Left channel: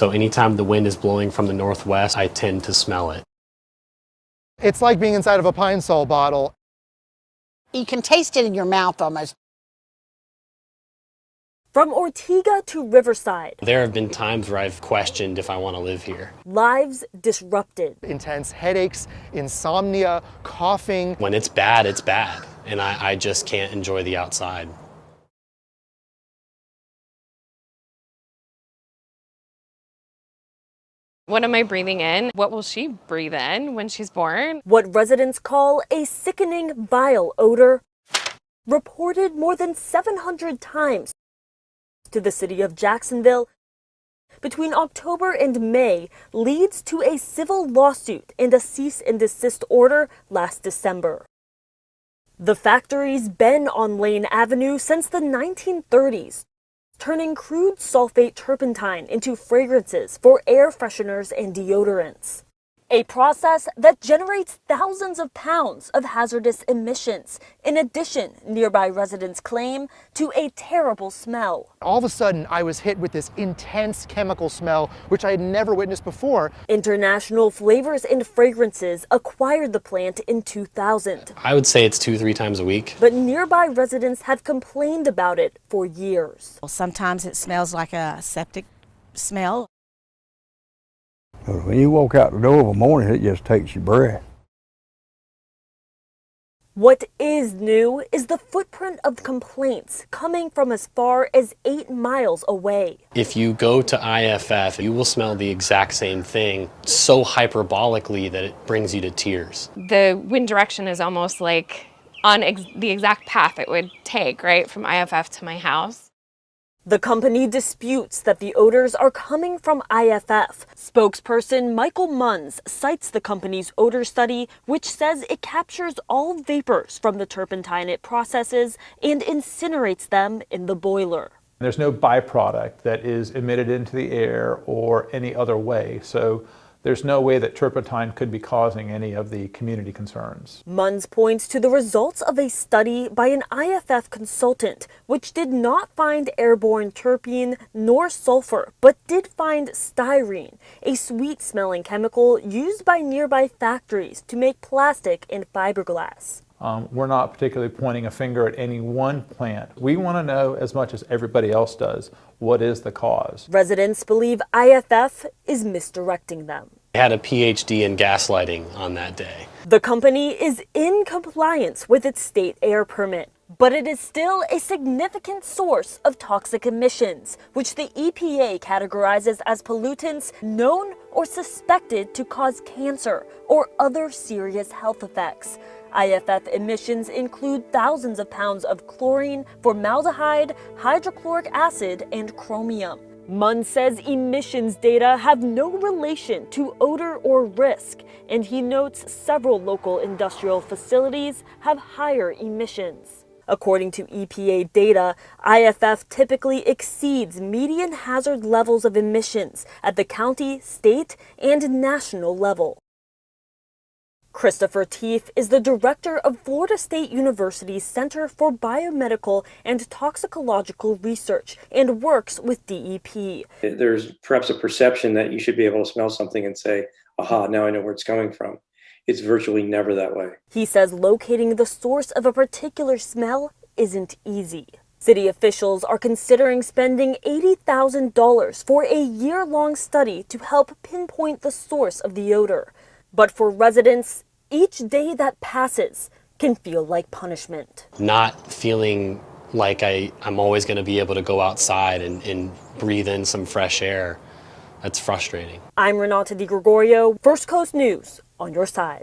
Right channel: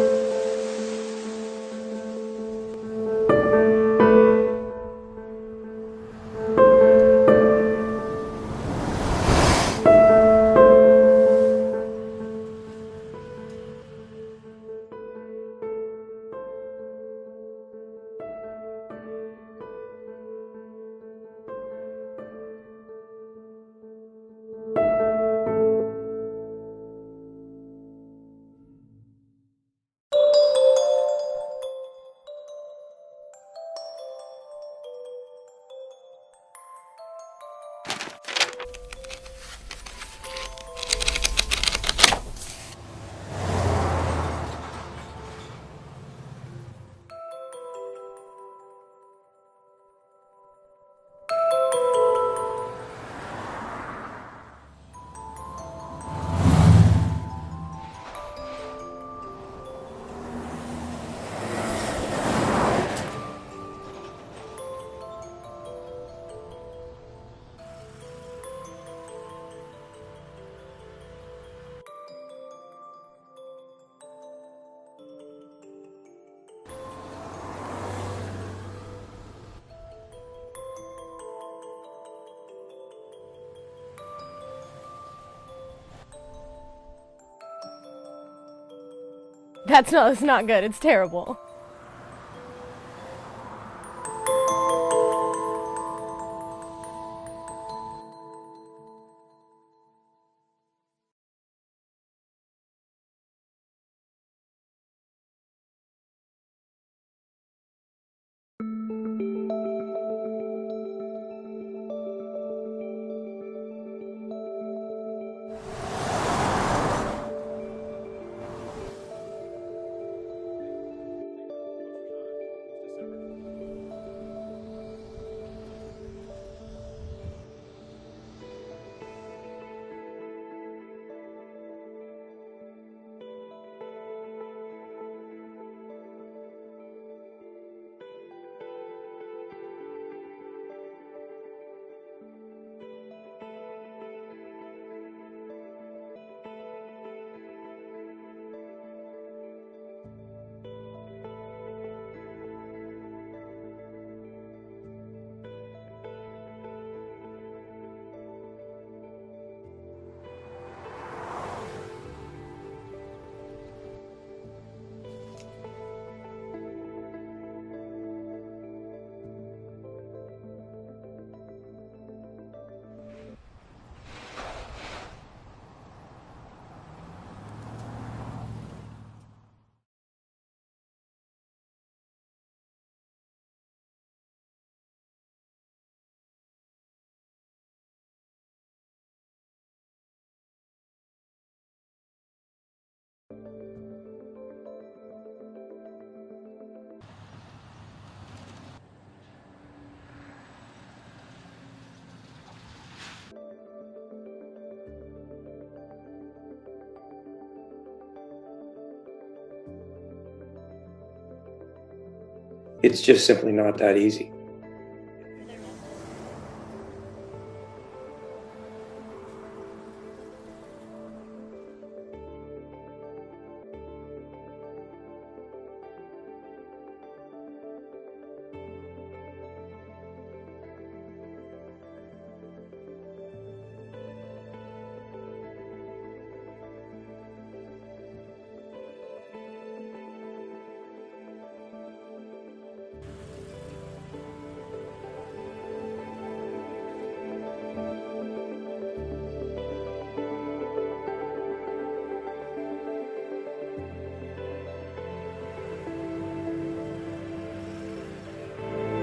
So anytime the wind is blowing from the northwest, I tend to smell it. It's like being inside of a Pine Sol bottle. You can taste it in your mouth almost. From Ortega to Riverside, There have been times where I've questioned if I want to live here. lives disrupted. Intense headaches, insomnia, coughing. When it's bad, and I just can't enjoy the outside. What am I breathing in? What will she breathe in when she's born? What residents call a sickening, vile odor, reported more than 700 times to the city of Jacksonville between October and May leads to a civil lawsuit and a cease and desist order last December. The factory's been on Lane Avenue since the 1930s, turning crude sulfate turpentine into fragrances for air fresheners and deodorants. A process that generates thousands of pounds of hazardous emissions. In addition, nearby residents claim, to a terrible smell. All of a sudden, I was hit with this intense chemical smell, which I had never witnessed before. International Flavors and Fragrances acquired the plant in 2000. I would say it's 2-3 times a week. But nearby residents have complained about it for years. Sometimes it smells like a septic smell. It's not good. It's terrible. When you walk out the door in the morning, it just takes your breath. What is new is the footprint of complaints coming from as far as 8 miles away. If you go to IFF, you will smell the exact same thing so hyperbolically that it brings you to tears. The wind direction is almost like on the exact path it would take, right, from IFF to my house. The company disputes that the odors are coming from IFF. Spokesperson Michael Munns cites the company's odor study, which says it captures all vapors from the turpentine it processes and incinerates them in the boiler. There's no byproduct that is emitted into the air or any other way, so there's no way that turpentine could be causing any of the community concerns. Munns points to the results of a study by an IFF consultant, which did not find airborne terpene nor sulfur, but did find styrene, a sweet-smelling chemical used by nearby factories to make plastic and fiberglass. We're not particularly pointing a finger at any one plant. We want to know, as much as everybody else does, what is the cause. Residents believe IFF is misdirecting them. I had a PhD in gaslighting on that day. The company is in compliance with its state air permit, but it is still a significant source of toxic emissions, which the EPA categorizes as pollutants known or suspected to cause cancer or other serious health effects. IFF emissions include thousands of pounds of chlorine, formaldehyde, hydrochloric acid, and chromium. Munn says emissions data have no relation to odor or risk, and he notes several local industrial facilities have higher emissions. According to EPA data, IFF typically exceeds median hazard levels of emissions at the county, state, and national level. It's just simply not that easy. Christopher Teef is the director of Florida State University's Center for Biomedical and Toxicological Research and works with DEP. There's perhaps a perception that you should be able to smell something and say, aha, now I know where it's coming from. It's virtually never that way. He says locating the source of a particular smell isn't easy. City officials are considering spending $80,000 for a year-long study to help pinpoint the source of the odor. But for residents, each day that passes can feel like punishment. Not feeling like I'm always going to be able to go outside and breathe in some fresh air, that's frustrating. I'm Renata Di Gregorio, First Coast News, on your side.